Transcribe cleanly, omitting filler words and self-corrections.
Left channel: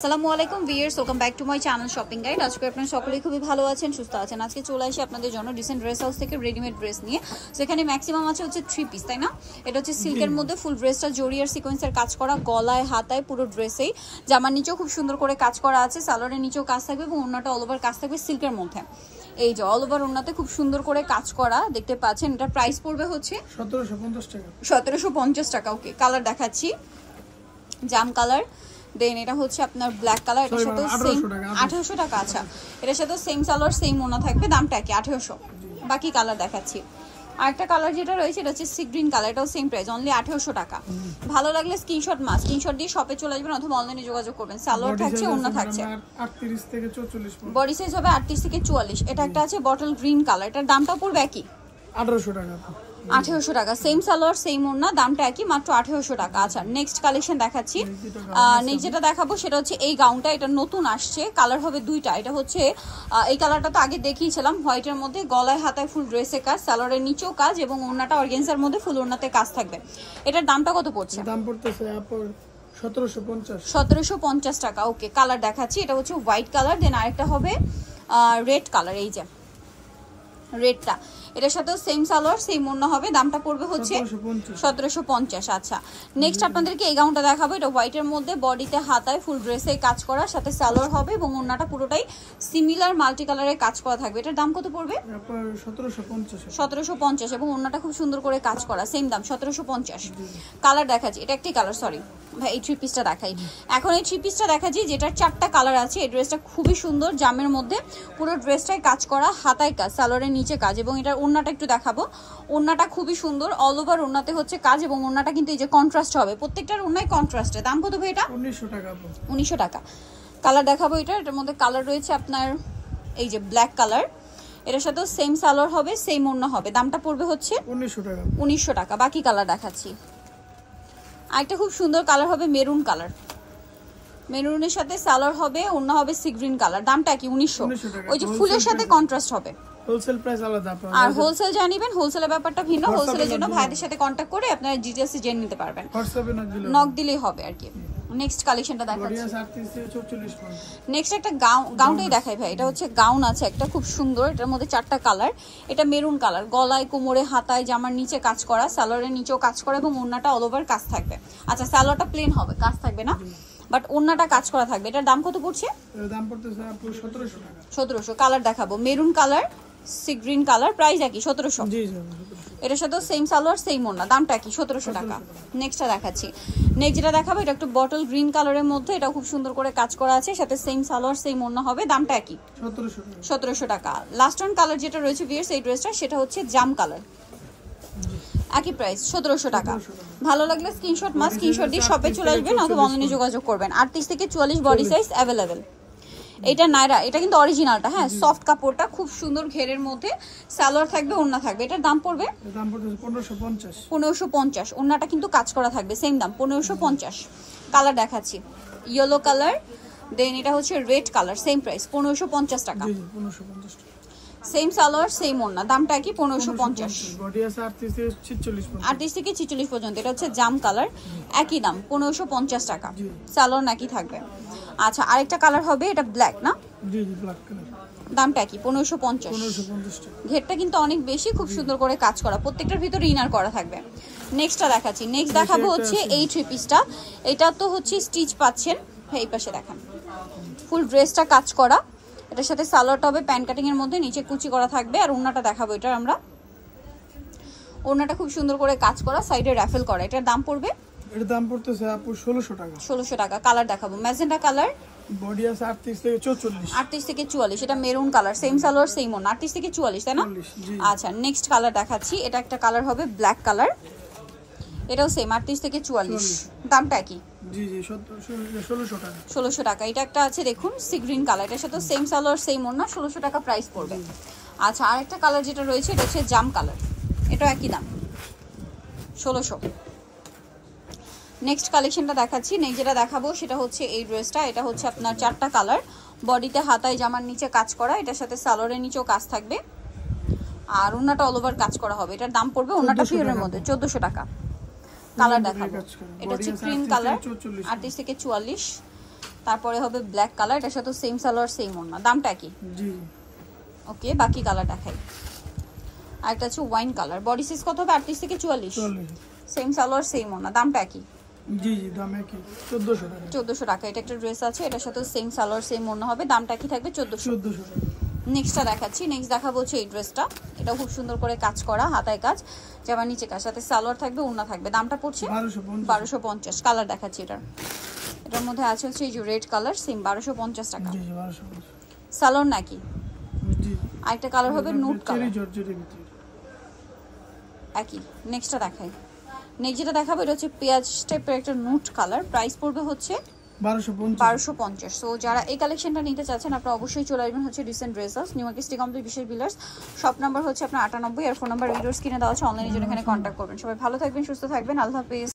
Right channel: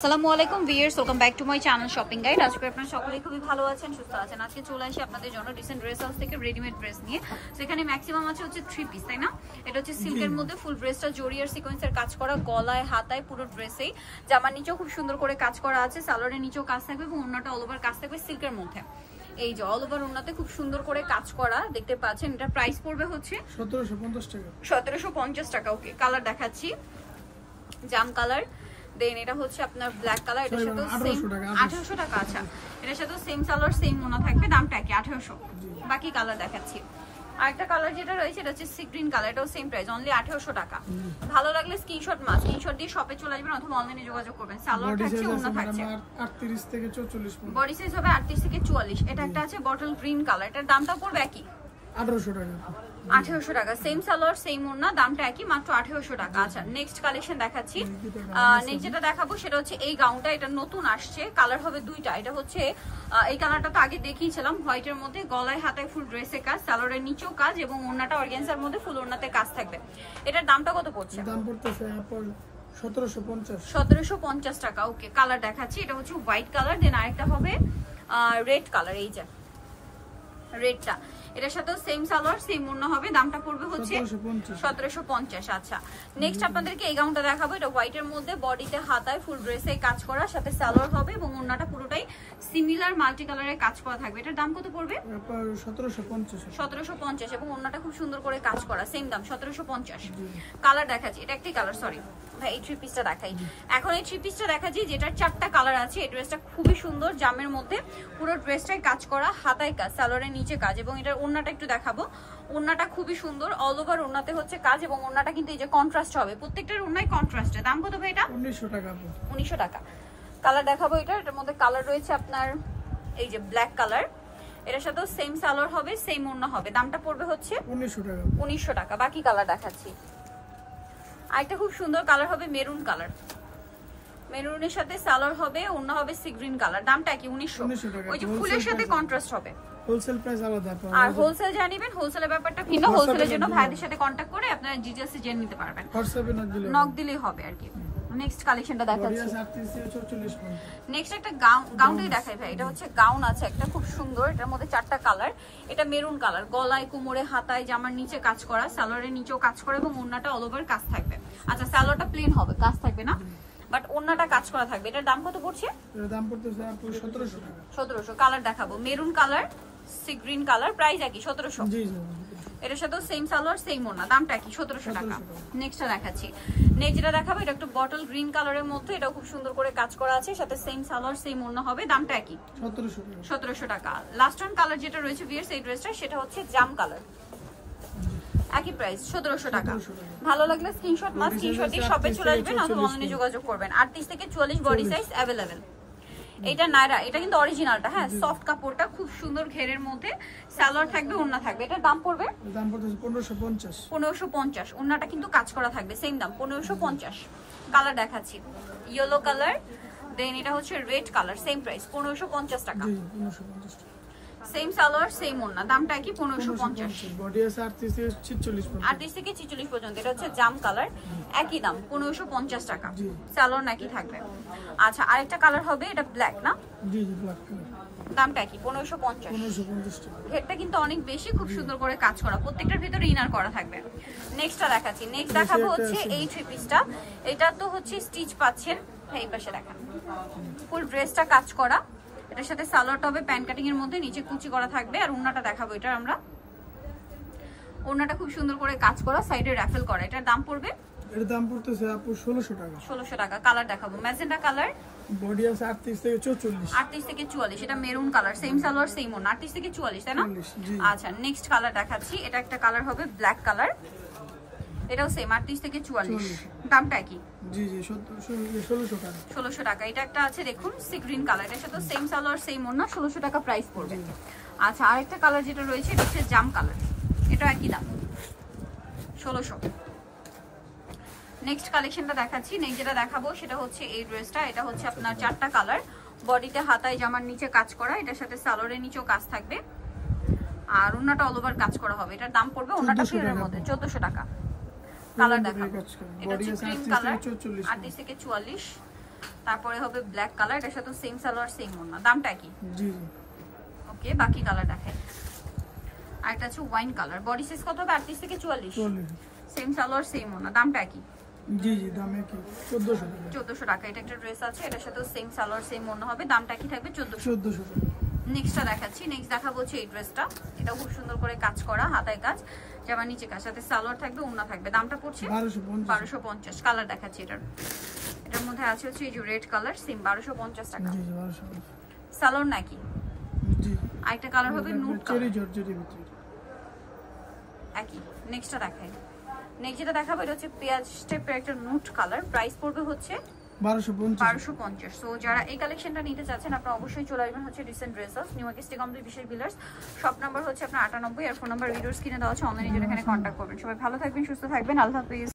আসসালামু আলাইকুম viewers, welcome back to my channel shopping guide. আজকে আপনারা সকলেই খুবই ভালো আছেন, সুস্থ আছেন। আজকে চলে আসি আপনাদের জন্য রিসেন্ট ড্রেস হাউস থেকে রেডিমেড ড্রেস নিয়ে। সেখানে ম্যাক্সিমাম আছে হচ্ছে 3 পিস, তাই না? এটা হচ্ছে সিল্কের মধ্যে ফুল ড্রেসটা জরি আর সিকোয়েন্সের কাজ করা, গলায় হাতায় পুরো ড্রেসেই। জামার নিচেও খুব সুন্দর করে কাজ করা আছে, সালোয়ারের নিচেও কাজ থাকবে এবং ওড়নাটা অল ওভার কাজ থাকবে সিল্কের মধ্যে। এই যে অল ওভার ওড়নাতে খুব সুন্দর করে কাজ করা দেখতে পাচ্ছেন। এটার প্রাইস পড়বে হচ্ছে 1750 টাকা। 1750 টাকা। ওকে, কালার দেখাচ্ছি, জাম কালার। দেন এটা হচ্ছে আপনার ব্ল্যাক কালার, এটার সাথে সেম 1800 টাকা। আচ্ছা, এটার সাথে সেম সালোয়ার সেম ওনা থাকবে, দামটা কি 1800। বাকি কালার দেখাচ্ছি। আরেকটা কালার যেটা রয়েছে এটা হচ্ছে সি গ্রিন কালার, এটাও সেম প্রাইস, অনলি 1800 টাকা। ভালো লাগলে স্ক্রিনশট দিয়ে শপে চলে আসবেন অথবা অনলাইনে যোগাযোগ করবেন। সালোয়ার থাকছে, ওনা থাকছে 38 থেকে 44, বডি সাইজ হবে 38 থেকে 44। এটা একটা আছে বটল গ্রিন কালার, এটার দামটা পড়বে একই 1800 টাকা। 1800 টাকা, সেম সালোয়ার সেম ওড়না, দামটা একই, মাত্র 1800 টাকা। আচ্ছা, নেক্সট কালেকশন দেখাচ্ছি। নেক্সট যেটা দেখাবো সেটা হচ্ছে এই গাউনটা, এটা নতুন আসছে, কালার হবে দুইটা। এটা হচ্ছে এই কালারটা তো আগে দেখিয়েছিলাম, হোয়াইটের মধ্যে, গলায় হাতায় ফুল ড্রেসে কাজ, সালোয়ারের নিচেও কাজ এবং ওড়নাটা অর্গানজার মধ্যে ফুল ওড়নাতে কাজ থাকবে। এটার দামটা কত পড়ছে? দাম পড়তেছে 1750। 1750 টাকা। ওকে, কালার দেখাচ্ছি। এটা হচ্ছে হোয়াইট কালার, দেন আরেকটা হবে রেড কালার। এই যে রেডটা, এটার সাথে সেম সালোয়ার সেম ওড়না হবে, দামটা পড়বে হচ্ছে 1750। আচ্ছা, নেক্সট আপনাদেরকে এই গাউনটা দেখাবো। এটা হোয়াইটের মধ্যে, বডিতে হাতায় ফুল ড্রেসে কাজ করা, সাথে সালোয়ার হবে এবং ওড়নাটা পুরোটাই সিমিলার মাল্টি কালারের কাজ করা থাকবে। এটার দাম কত পড়বে? 1750 এবং ওড়নাটা খুব সুন্দর করে কাজ করা, সেম দাম 1750। কালার দেখাচ্ছি, এটা একটি কালার, সরি ভাই, এই 3 পিসটা দেখাই। এখন এই 3 পিসটা দেখাচ্ছি যেটার 4টা কালার আছে। এই ড্রেসটা খুবই সুন্দর, জামের মধ্যে পুরো ড্রেসটাই কাজ করা, হাতায় কাজ, সালোয়ারের নিচে কাজ এবং এটার ওড়নাটা একটু দেখাবো। ওড়নাটা খুবই সুন্দর, অল ওভার ওড়নাতে হচ্ছে কাজ এবং ওড়নাটা কিন্তু এই যে কন্ট্রাস্ট হবে, প্রত্যেকটার ওড়নায় কন্ট্রাস্টে। দাম কত ভাই এটা? 1900 টাকা। 1900 টাকা। কালার দেখাবো এটা, এটার মধ্যে কালার রয়েছে আপনার এই যে ব্ল্যাক কালার, এটার সাথে সেম সালোয়ার হবে সেম ওড়না হবে, দামটা পড়বে হচ্ছে 1900 টাকা। 1900 টাকা। বাকি কালার দেখাচ্ছি। আরেকটা খুব সুন্দর কালার হবে মেরুন কালার, মেরুনের সাথে সালোয়ার হবে, ওড়না হবে সি গ্রিন কালার, দামটা কি 1900 টাকা। ওই যে ফুলের সাথে কন্ট্রাস্ট হবে। হোলসেল প্রাইস আলাদা পাবেন, আর হোলসেল জানিবেন, হোলসেলের ব্যাপারটা ভিন্ন। হোলসেলের জন্য ভাইদের সাথে কন্টাক্ট করে আপনারা ডিটেইলস জেনে নিতে পারবেন, হোয়াটসঅ্যাপে নক দিলেই হবে আর কি। নেক্সট কালেকশনটা দেখাচ্ছি। নেক্সট একটা গাউনটাই দেখাই ভাই। এটা হচ্ছে গাউন আছে একটা খুব সুন্দর, এটার মধ্যে 4টা কালার। এটা মেরুন কালার, গলায় কোমরে হাতায় জামার নিচে কাজ করা, সালোয়ারের নিচেও কাজ করা এবং ওড়নাটা অল ওভার কাজ থাকবে। আচ্ছা, সালোয়ারটা প্লেন হবে, কাজ থাকবে না, বাট ওড়নাটা কাজ করা থাকবে। এটার দাম কত পড়ছে? দাম পড়তেছে 1700 টাকা। 1700। কালার দেখাবো, maroon colour, sea green colour, price একই 1700। জি জি, এটার সাথে সেম সালোয়ার সেম ওড়না, দামটা কি 1700 টাকা। নেক্সটটা দেখাচ্ছি। নেক্সট যেটা দেখাবো এটা একটু বটল গ্রিন কালারের মধ্যে, এটা খুব সুন্দর করে কাজ করা আছে, সাথে সেম সালোয়ার সেম ওড়না হবে, দামটা কি 1700 টাকা। লাস্ট ওয়ান কালার যেটা রয়েছে ভিউয়ার্স এই ড্রেসটা, সেটা হচ্ছে জাম কালার, একই প্রাইস 1700 টাকা। ভালো লাগলে স্ক্রিনশট দিয়ে শপে চলে আসবেন অথবা অনলাইনে যোগাযোগ করবেন। 38 থেকে 44 বডি সাইজ अवेलेबल। এটা নাইরা, এটা কিন্তু অরিজিনালটা, হ্যাঁ, সফট কাপড়টা, খুব সুন্দর ঘেরের মধ্যে, সালোয়ার থাকবে, ওড়না থাকবে। এটার দাম পড়বে 1550। 1550। ওড়নাটা কিন্তু কাজ করা থাকবে, সেম দাম 1550। কালার দেখাচ্ছি, ইয়েলো কালার, দেন এটা হচ্ছে রেড কালার, সেম প্রাইস 1550 টাকা। জি জি, 1550 টাকা। সেম সালোয়ার সেম ওড়না, দামটা কি 1550। বডি আছে 38 থেকে 46 পর্যন্ত। 38 থেকে 46 পর্যন্ত। এটা হচ্ছে জাম কালার, একই দাম 1550 টাকা, সালোয়ার নাকি থাকবে। আচ্ছা, আরেকটা কালার হবে, এটা ব্ল্যাক না? জি জি, ব্ল্যাক কালার, দামটা কি 1550। 1550 টাকা। ঘেরটা কিন্তু অনেক বেশি, খুব সুন্দর করে কাজ করা, প্রত্যেকটার ভিতরে ইনার করা থাকবে। নেক্সটটা দেখাচ্ছি। নেক্সট দেখাবো হচ্ছে এই 3 পিসটা। এটা তো হচ্ছে স্টিচ পাচ্ছেন, এই পাশে দেখেন ফুল ড্রেসটা কাজ করা, এটার সাথে সালোয়ারটা হবে প্যান্ট কাটিং এর মধ্যে, নিচে কুচি করা থাকবে। আর ওড়নাটা দেখাবো, এটার আমরা ওড়নাটা খুব সুন্দর করে কাজ করা, সাইডে রাফেল করা। এটার দাম পড়বে, এর দাম পড়তেছে 1600 টাকা। 1600 টাকা। কালার দেখাবো, ম্যাজেন্টা কালার, বডি আছে 38 থেকে 44। 38 থেকে 44। এটা maroon colour, same salwar same ওড়না, 38 থেকে 44, তাই না? আচ্ছা, নেক্সট কালার দেখাচ্ছি। এটা একটা কালার হবে ব্ল্যাক কালার, এটাও সেম 38 থেকে 44, দামটা কি? জি জি, 1600 টাকা। 1600 টাকা। এটা একটা আছে দেখুন সি গ্রিন কালার, এটার সাথে সেম সালোয়ার সেম ওড়না, 1600 টাকা প্রাইস পড়বে। আচ্ছা, আরেকটা কালার যেটা রয়েছে এটা হচ্ছে জাম কালার, এটা একই দাম 1600। নেক্সট কালেকশনটা দেখাচ্ছি। নেক্সট যেটা দেখাবো সেটা হচ্ছে এই ড্রেসটা। এটা হচ্ছে আপনার 4টা কালার, বডিতে হাতায় জামার নিচে কাজ করা, এটার সাথে সালোয়ারের নিচেও কাজ থাকবে আর ওড়নাটা অল ওভার কাজ করা হবে। এটার দাম পড়বে ওড়নাটা পিওরের মধ্যে 1400 টাকা। কালার দেখাবো, এটা হচ্ছে ক্রিম কালার, 38 থেকে 44। তারপরে হবে ব্ল্যাক কালার, এটার সাথে সেম সালোয়ার সেম ওড়না, দামটা কি? জি ওকে, বাকি কালার দেখাই। আর একটা হচ্ছে ওয়াইন কালার, বডি সাইজ কত হবে? 38 থেকে 44, 44 সেম সালোয়ার সেম ওড়না, দামটা কি? জি জি দামে কি 1400 টাকা 1400 টাকা। এটা একটা ড্রেস আছে, এটার সাথে সেম সালোয়ার সেম ওড়না হবে, দামটা কি থাকবে? 1400 টাকা। নেক্সটটা দেখাচ্ছি। নেক্সট দেখাবো হচ্ছে এই ড্রেসটা, এটা খুব সুন্দর করে কাজ করা, হাতায় কাজ, জামা নিচে কাজ, সাথে সালোয়ার থাকবে, ওড়না থাকবে, দামটা পড়ছে 1250। কালার দেখাচ্ছি এটার মধ্যে আছে হচ্ছে এই যে রেড কালার, সেম 1250 টাকা। জি জি 1250 সালোয়ার নাকি? জি আরেকটা কালার হবে নুট কালার, চেরি জর্জেটের ভিতরে একই। নেক্সটটা দেখাই। নেক্সট যেটা দেখাবো এটা হচ্ছে পেঁয়াজ টাইপের একটা নুট কালার, প্রাইস পড়বে হচ্ছে 1250। সো যারা এই কালেকশনটা নিতে চাচ্ছেন আপনারা অবশ্যই চলে আসবেন হচ্ছে dissent dress house, new market city complex বিশেষ বিলার্স। শপ নাম্বার হচ্ছে আপনার 98 আর ফোন নাম্বার ভিডিওস কিনে দেওয়া হচ্ছে, অনলাইনে জন্য এখানে কন্ট্যাক্ট করবেন। সবাই ভালো থাকবেন, সুস্থ থাকবেন, আল্লাহ হাফেজ।